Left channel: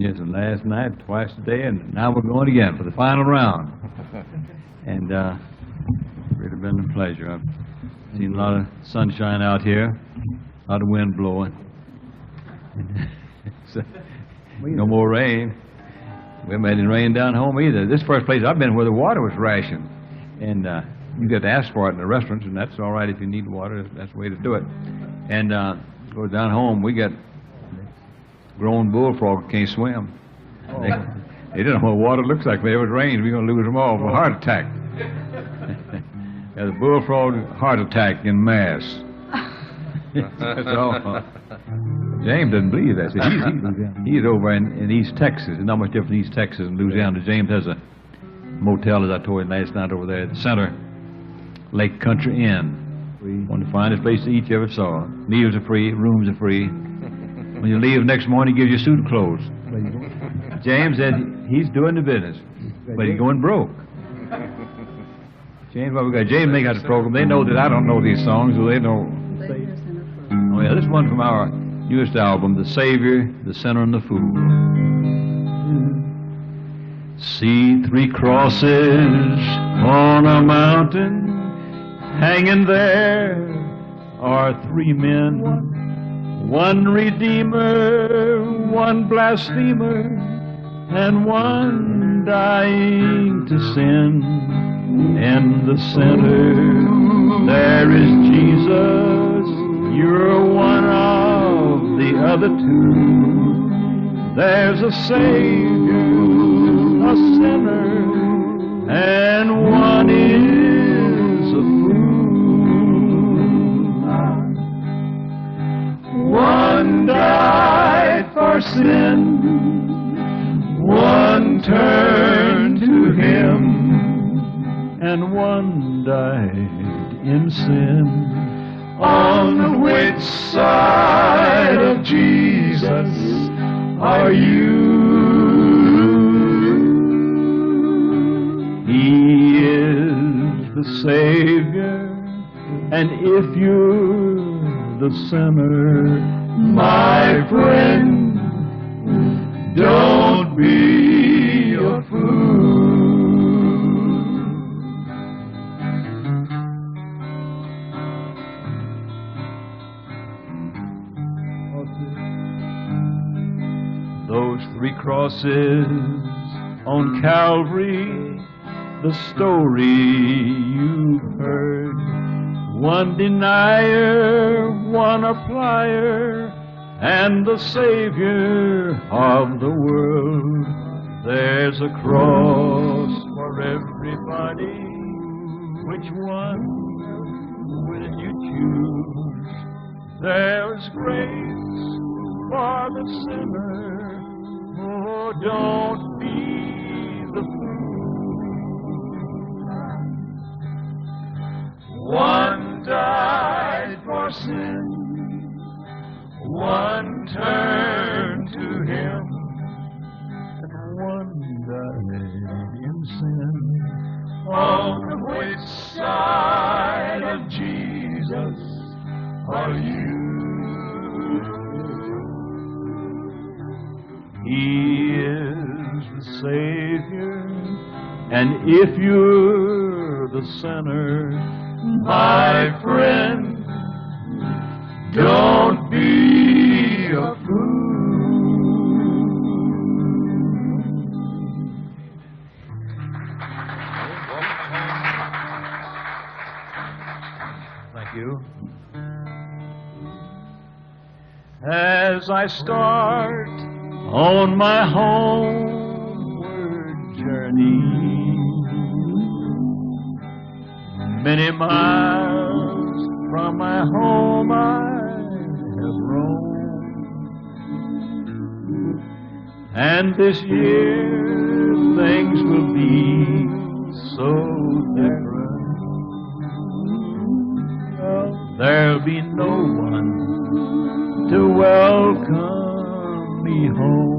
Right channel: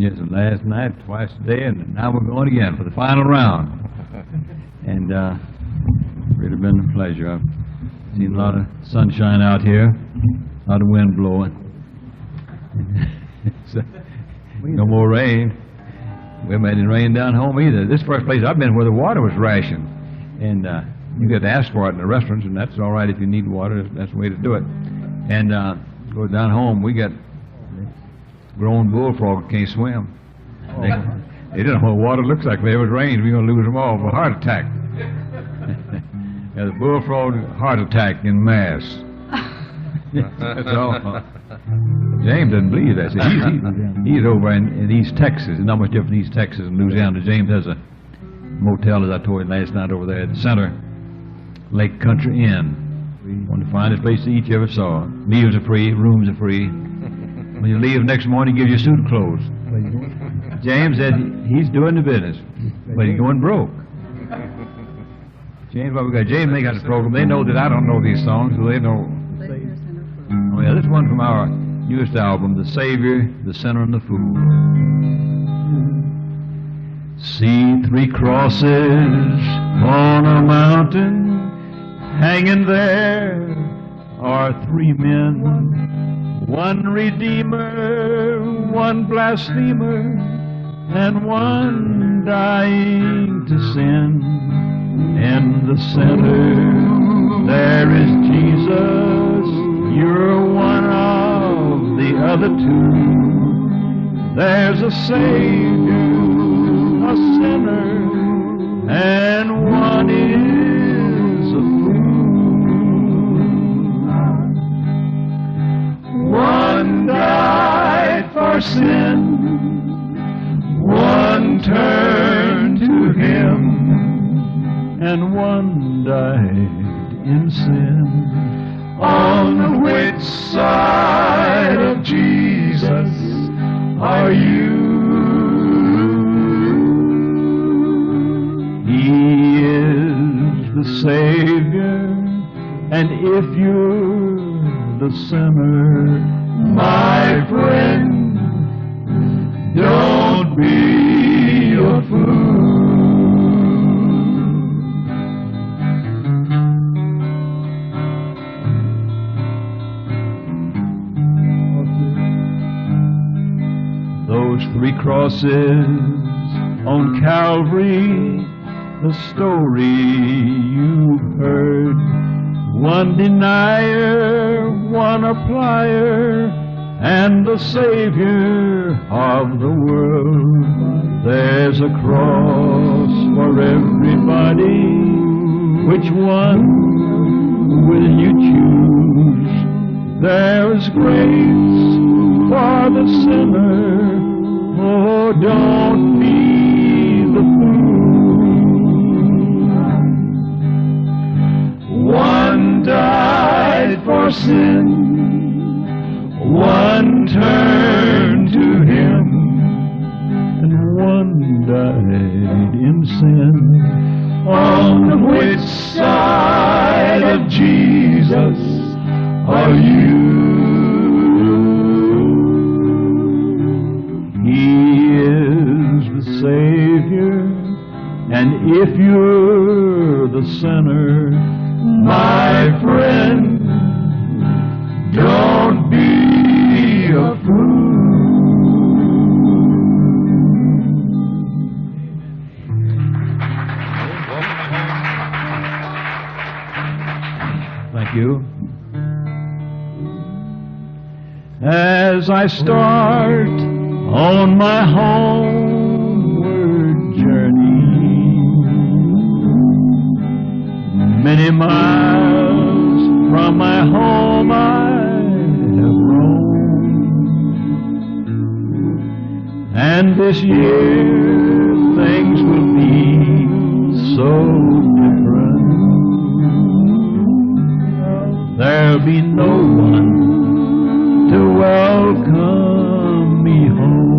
been here since last night, twice today, and now we're going again for the final round. And it's really been a pleasure. I've seen a lot of sunshine out here, a lot of wind blowing. So, no more rain. We haven't had any rain down home either. This first place I've been where the water was rationed. And you get to ask for it in the restaurants, and that's all right if you need water. That's the way to do it. And go down home, we got grown bullfrog that can't swim. They don't know what water looks like. If it rains, we're going to lose them all for a heart attack. The bullfrog heart attack in mass. That's all. James doesn't believe that. So he's over in East Texas. It's not much different in East Texas and Louisiana. James has a motel, as I told you last night, over there at the center, Lake Country Inn. One of the finest places each ever saw. Meals are free, rooms are free. When you leave next morning, he gives you a suit of clothes. James said he's doing the business, but he's going broke. James, well, we got James make out the program. They know that I don't know these songs, so they know. Oh yeah, this one from our newest album, The Savior, the Sinner, and the Fool. See 3 crosses on a mountain, hanging there are 3 men, 1 redeemer, 1 blasphemer, and 1 dying to sin. In the center there is Jesus, you're one of the other 2. There's a Savior, a sinner, and 1 is a fool. 1 died for sin, 1 turned to Him, and 1 died in sin. On which side of Jesus are you? He is the Savior, and if you're the sinner, my friend, don't be a fool. Those 3 crosses on Calvary, the story you've heard. 1 denier, 1 applier, and the Savior of the world. There's a cross for everybody. Which one will you choose? There's grace for the sinner. Oh, don't be the fool. 1 died for sin, 1 turned to Him, and 1 died in sin. On which side of Jesus are you? He is the Savior, and if you're the sinner, my friend, don't be a fool. Thank you. As I start on my homeward journey, many miles from my home I have roamed, and this year things will be so different. There'll be no one to welcome me home.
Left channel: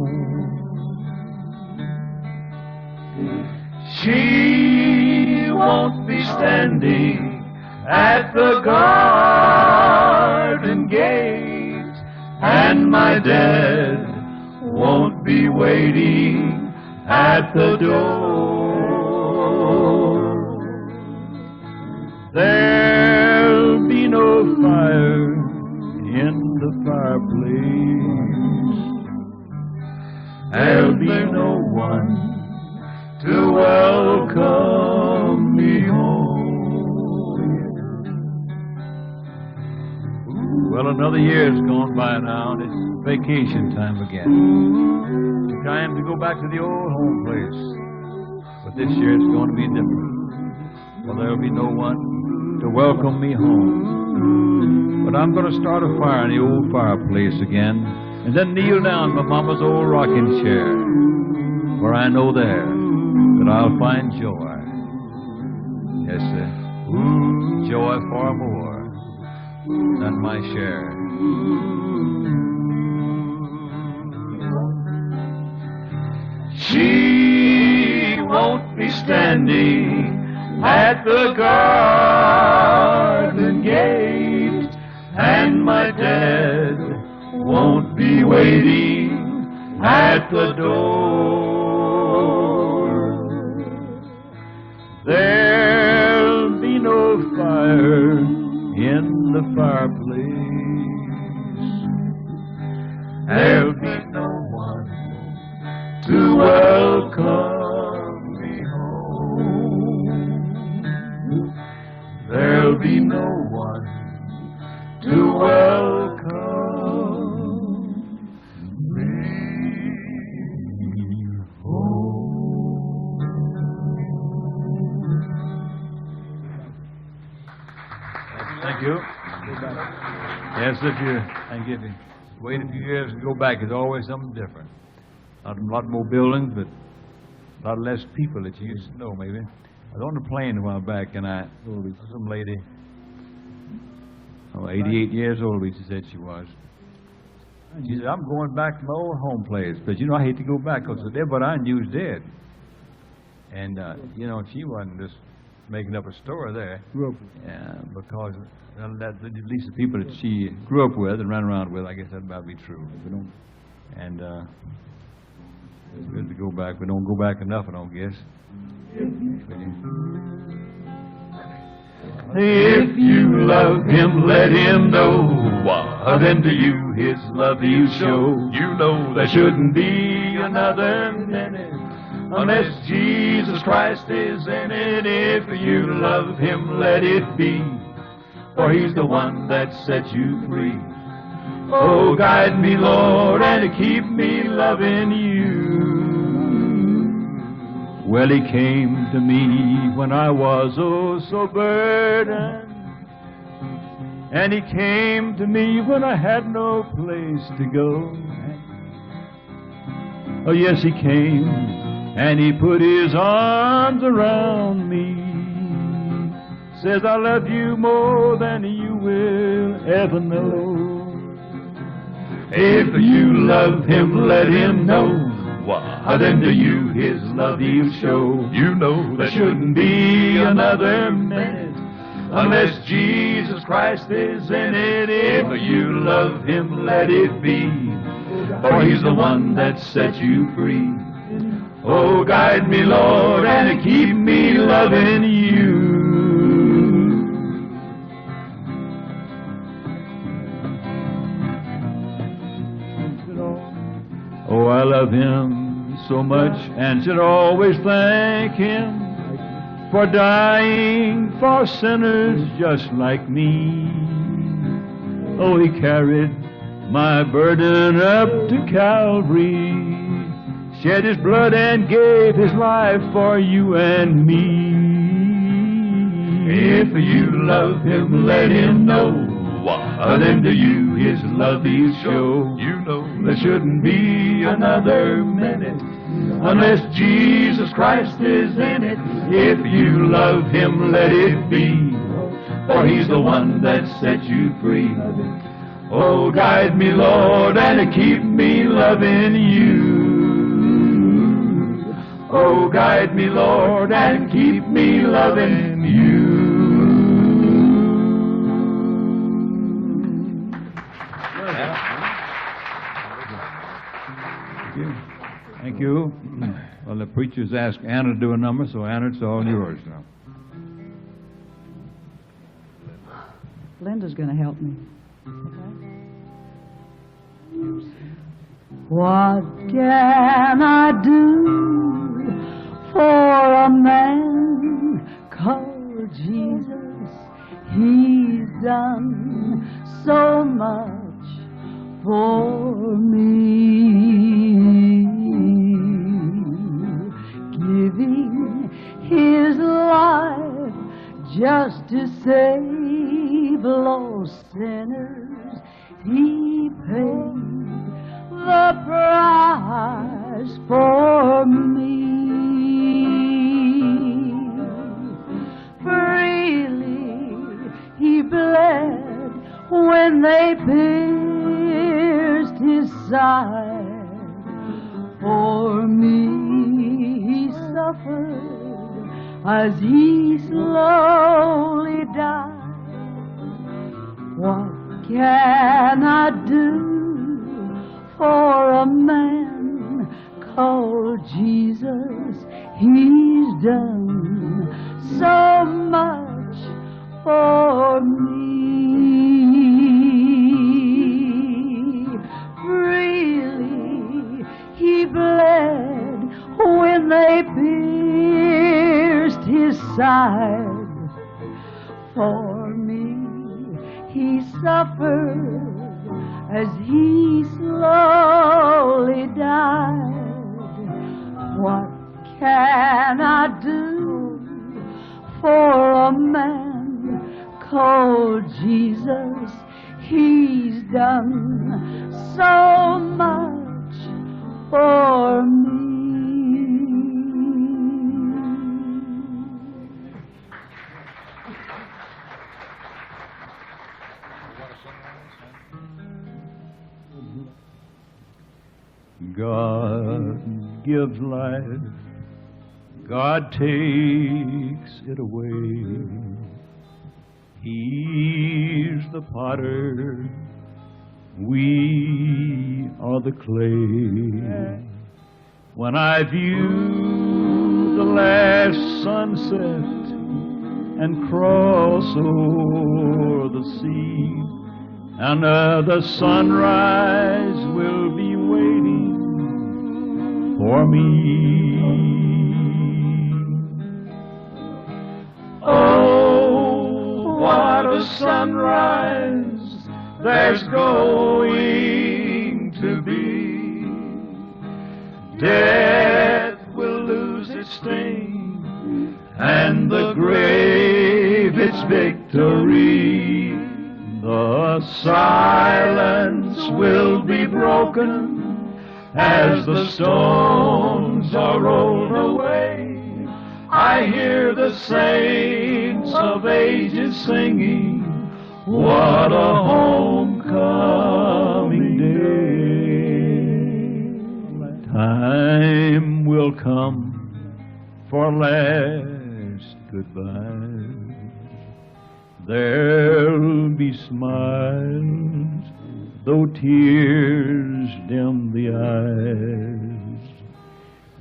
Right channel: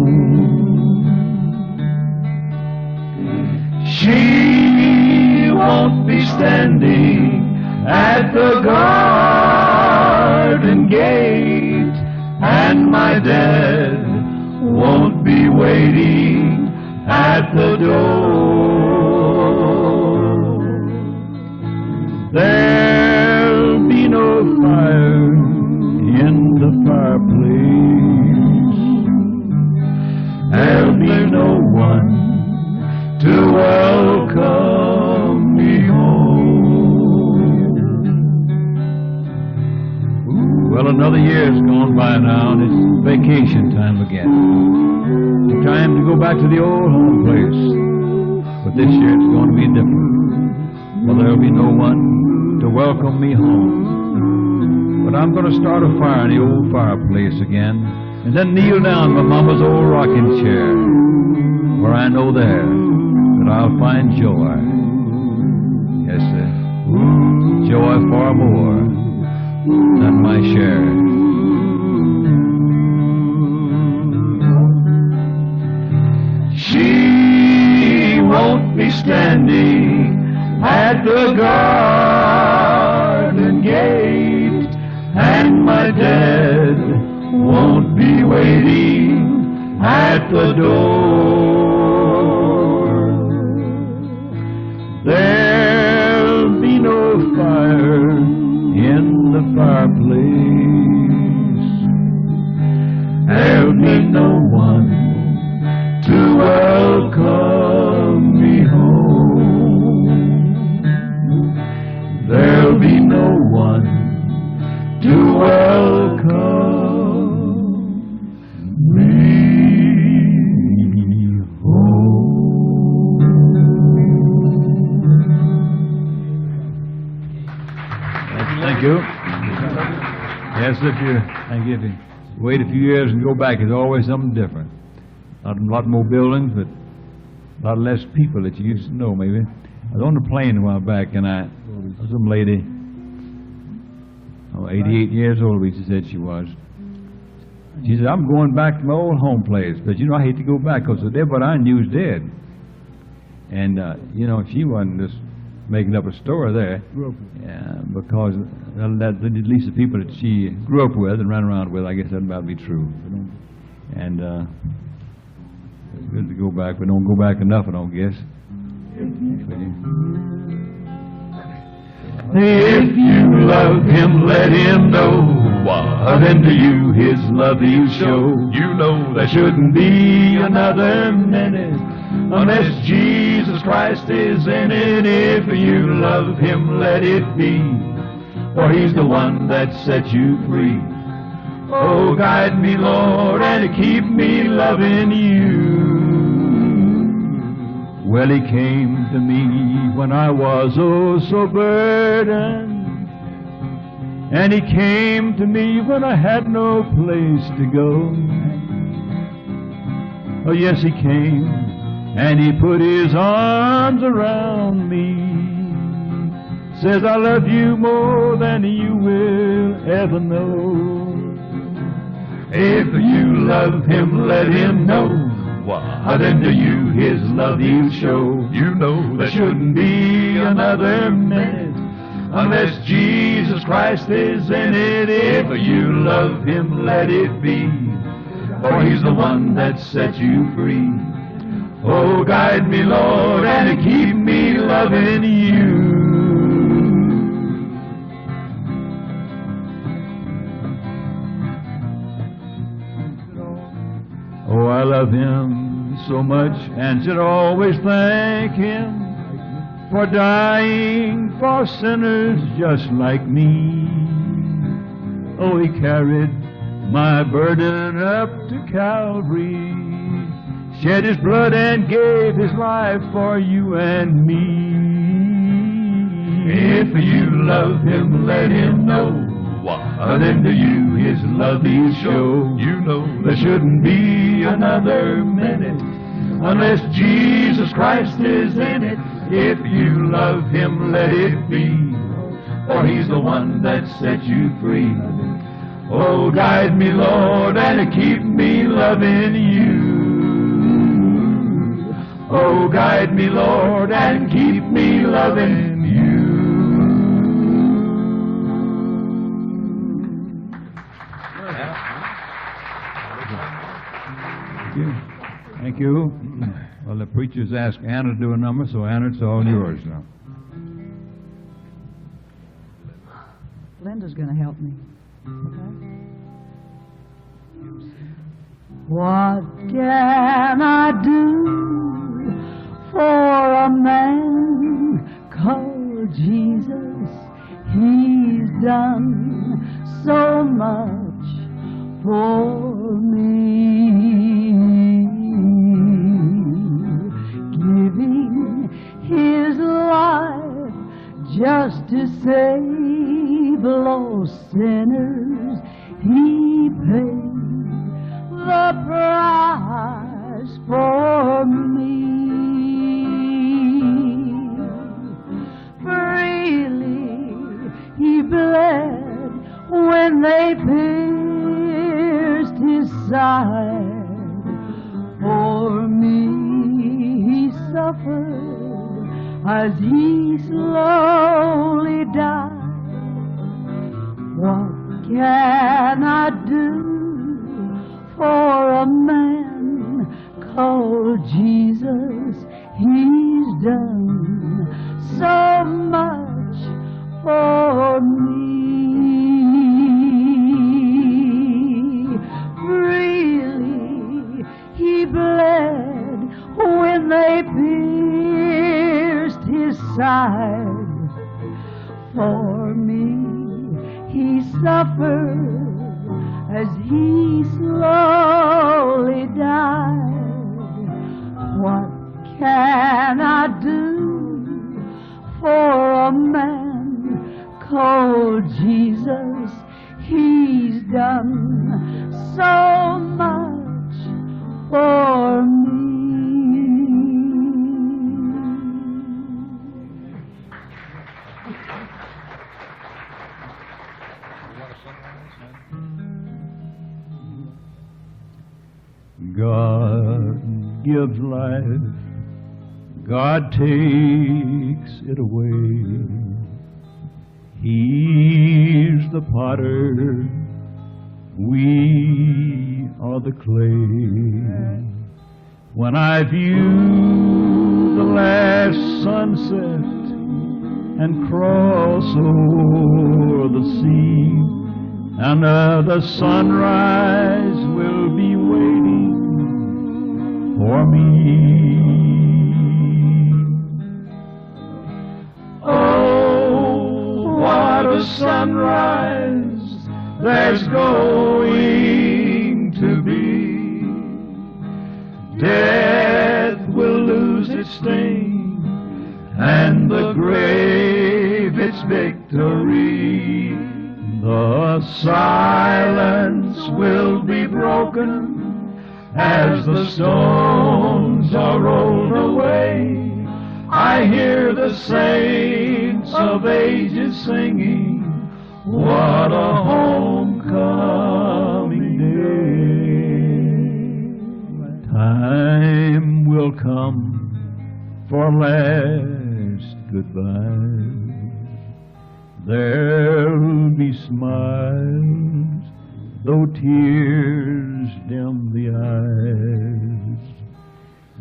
She won't be standing at the garden gate, and my dad won't won't be waiting at the door. There'll be no fire in the fireplace. There'll be no one to welcome me home. Well, another year's gone by now, and it's vacation time again. It's time to go back to the old home place. But this year it's going to be different. For there'll be no one to welcome me home. But I'm going to start a fire in the old fireplace again, and then kneel down in my mama's old rocking chair, where I know there that I'll find joy. Yes, sir. Joy far more than my share. She won't be standing at the garden gate, and my dad won't be waiting at the door. There'll be no fire in the fireplace. There'll be no one to welcome me home. There'll be no one to welcome me home. Thank you. Yes, if you wait a few years and go back, it's always something different. A lot more buildings, but a lot less people that you used to know, maybe. I was on the plane a while back, and some lady, 88 years old, she said she was. She said, I'm going back to my old home place, but I hate to go back because everybody I knew was dead. And, she wasn't just making up a story there. Because at least the people that she grew up with and ran around with, I guess that might be true. And it's good to go back, but don't go back enough, I don't guess. If you love him, let him know. Then to you his love he'll show. You know there shouldn't be another minute unless Jesus Christ is in it. If you love him, let it be, for he's the one that set you free. Oh, guide me, Lord, and keep me loving you. Well, he came to me when I was so burdened, and he came to me when I had no place to go. Oh, yes, he came, and he put his arms around me, says, I love you more than you will ever know. If you love him, let him know. Then to you his love he'll show. You know there shouldn't be another minute unless Jesus Christ is in it. If you love him, let it be, for he's the one that set you free. Oh, guide me, Lord, and keep me loving you. Oh, I love him so much and should always thank him for dying for sinners just like me. Oh, he carried my burden up to Calvary, shed his blood and gave his life for you and me. If you love him, let him know. Then to you his love he'll show. You know there shouldn't be another minute unless Jesus Christ is in it. If you love him, let it be, for he's the one that set you free. Oh, guide me, Lord, and keep me loving you. Oh, guide me, Lord, and keep me loving you. Yeah. Thank you. Well, the preacher's asked Anna to do a number, so Anna, it's all yours now. Linda's going to help me. Okay? What can I do for a man called Jesus? He's done so much for me, giving his life just to save lost sinners. He paid the price for me. Freely he bled when they pierced his side. For me he suffered as he slowly died. What can I do for a man called Jesus? He's done so much for me. Freely he bled when they pierced his side. For me he suffered as he slowly died. What can I do for a man called Jesus? He's done so much for me. God gives life, God takes it away. He's the potter, we are the clay. When I view the last sunset and cross over the sea, another sunrise will be waiting for me. Oh, what a sunrise there's going to be. Death will lose its sting and the grave its victory. The silence will be broken as the stones are rolled away. I hear the saints of ages singing, what a homecoming day. Time will come for last goodbye. There'll be smiles, though tears dim the eyes.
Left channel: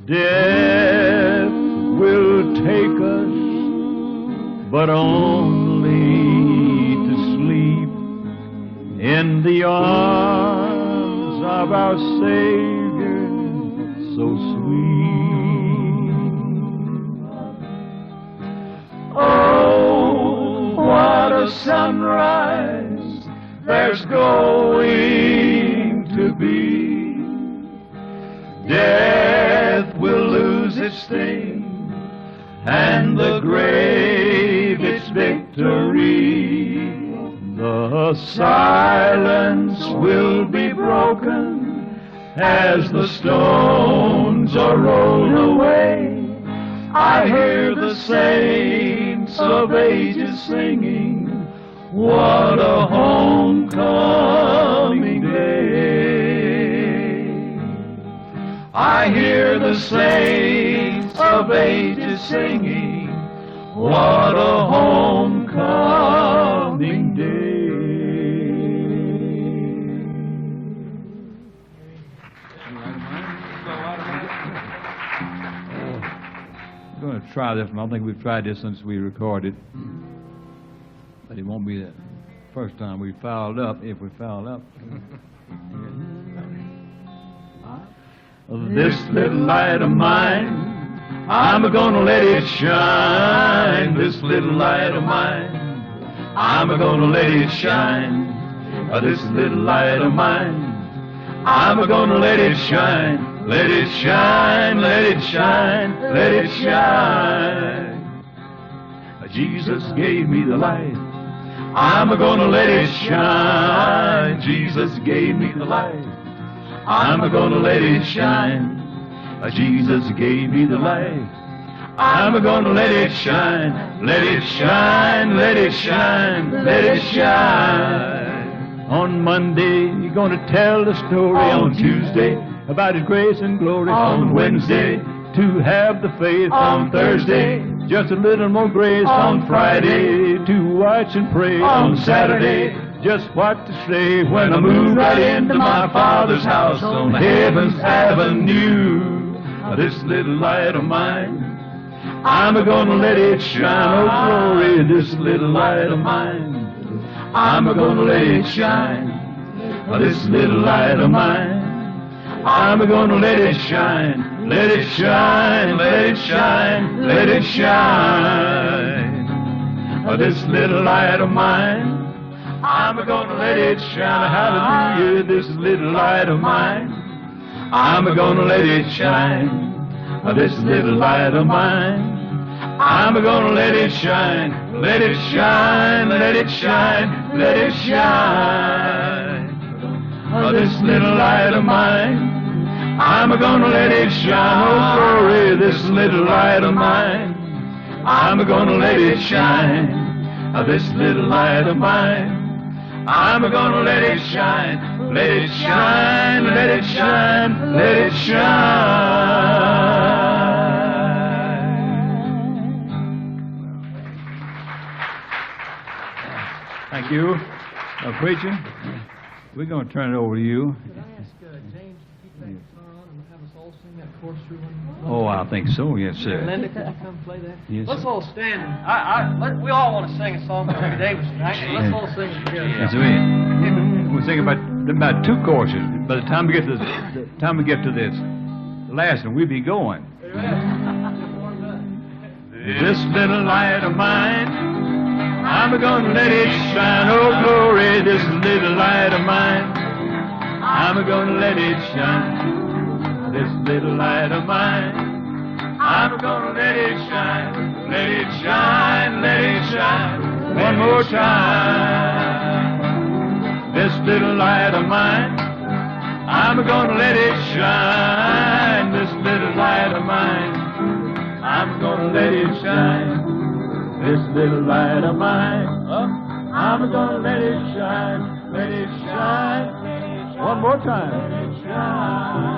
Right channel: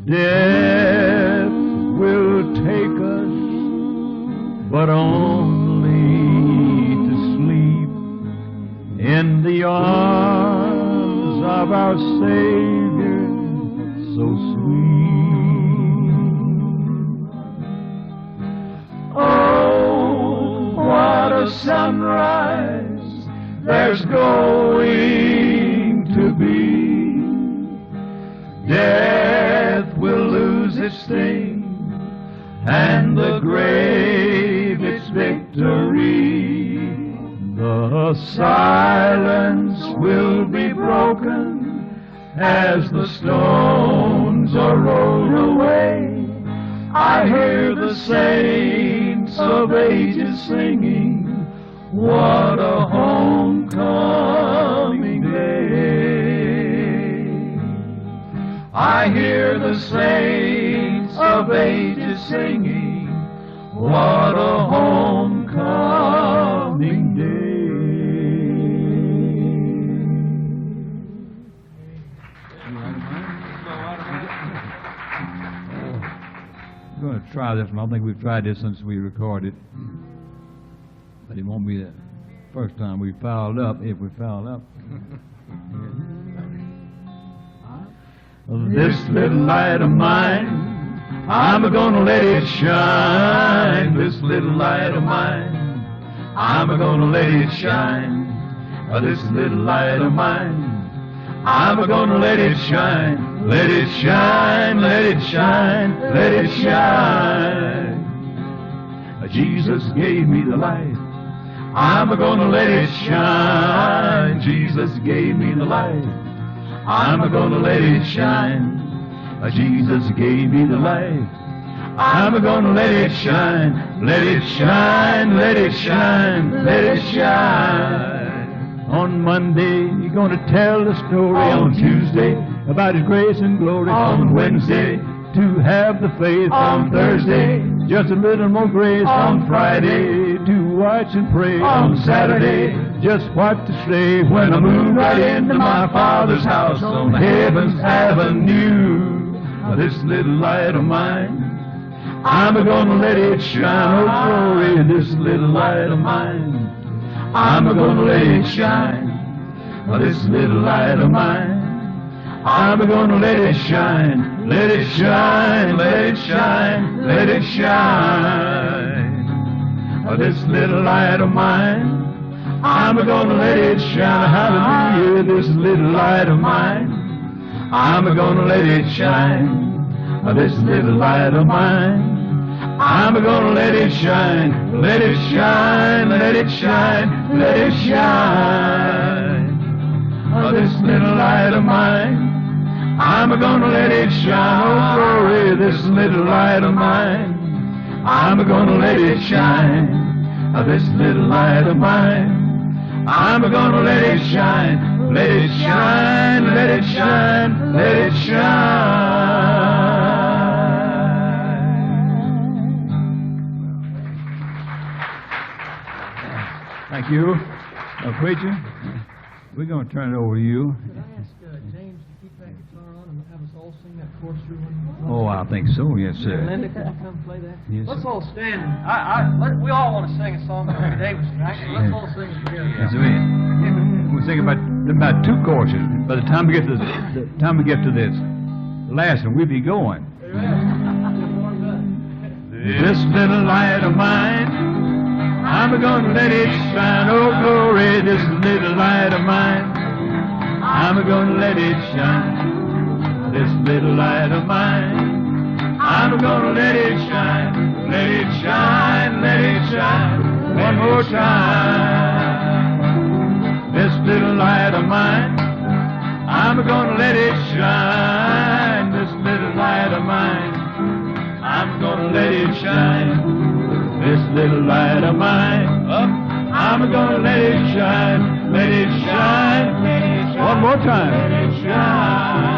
Death will take us, but only to sleep in the arms of our Savior, so sweet. Oh, what a sunrise there's going to be. Death will lose its sting and the grave its victory. The silence will be broken as the stones are rolled away. I hear the saints of ages singing, what a homecoming day. I hear the saints of ages singing, what a homecoming day. going to try this one. I don't think we've tried this since we recorded. But it won't be the first time we fouled up, if we fouled up. This little light of mine, I'm gonna let it shine. This little light of mine, I'm gonna let it shine. This little light of mine, I'm gonna let it shine. Let it shine, let it shine, let it shine. Jesus gave me the light, I'm gonna let it shine. Jesus gave me the light, I'm gonna let it shine. Jesus gave me the light, I'm gonna let it shine. Let it shine, let it shine, let it shine. On Monday, you're gonna tell the story. On Tuesday, about His grace and glory. On Wednesday, to have the faith. On Thursday, just a little more grace. On Friday, to watch and pray. On Saturday, just what to say when I move right into my Father's house on Heaven's Avenue. This little light of mine, I'm gonna let it shine. Oh glory, this little light of mine, I'm gonna let it shine. This little light of mine, I'm gonna let it shine. Let it shine, let it shine, let it shine. This little light of mine, I'm gonna let it shine. Hallelujah, this little light of mine, I'm gonna let it shine. This little light of mine, I'm gonna let it shine. Let it shine, let it shine, let it shine. This little light of mine, I'm gonna let it shine. Oh glory, this little light of mine, I'm gonna let it shine. This little light of mine, I'm gonna let it shine. Let it shine, let it shine, let it shine. Thank you. Preacher, we're going to turn it over to you. Could I ask James to keep that guitar on and have us all sing that chorus through one? Oh, I think so, yes, sir. Linda, could you come play that? Yes, Let's sir. all stand. We all want to sing a song by Rick Davidson, right? Let's all sing it together. That's right. We're thinking about two courses. By the time we get to this last one, we'll be going. This little light of mine, I'm gonna let it shine. Oh glory, this little light of mine, I'm gonna let it shine. This little light of mine, I'm gonna let it shine. Let it shine, let it shine. One more time. This little light of mine, I'm gonna let it shine. This little light of mine, I'm gonna let it shine. This little light of mine, I'm gonna let it shine. Let it shine, let it shine. One more time. Let it shine.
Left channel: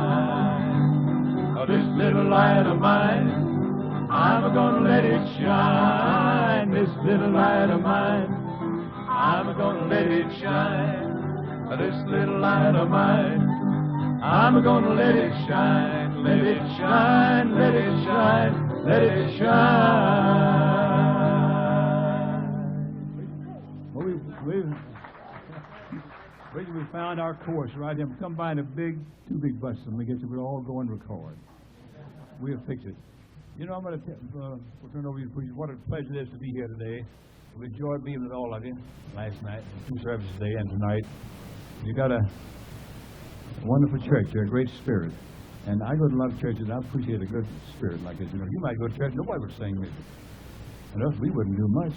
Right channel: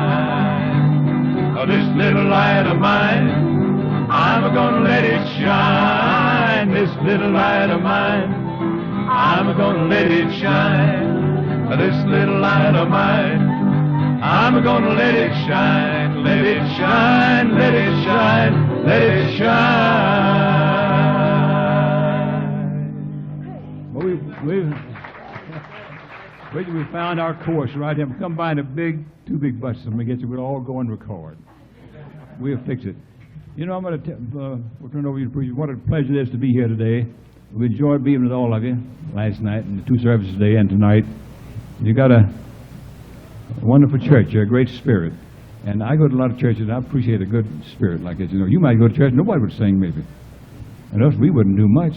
Oh, this little light of mine, I'm gonna let it shine. This little light of mine, I'm gonna let it shine. This little light of mine, I'm gonna let it shine. Let it shine, let it shine, let it shine. Well, we found our course right here. Come by in two big buses and we get you. We'll all go and record. We'll fix it. You know, I'm going to we'll turn it over to you, preacher. What a pleasure it is to be here today. We enjoyed being with all of you last night and the two services today and tonight. You got a wonderful church. You're a great spirit. And I go to a lot of churches. I appreciate a good spirit like this. You know, you might go to church, nobody would sing maybe. And us, we wouldn't do much.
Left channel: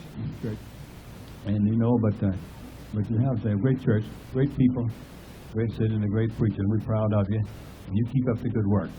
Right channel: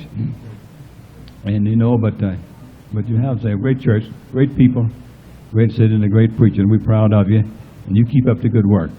And you know, but you have a great church, great people, great city, and a great preacher, and we're proud of you. And you keep up the good work.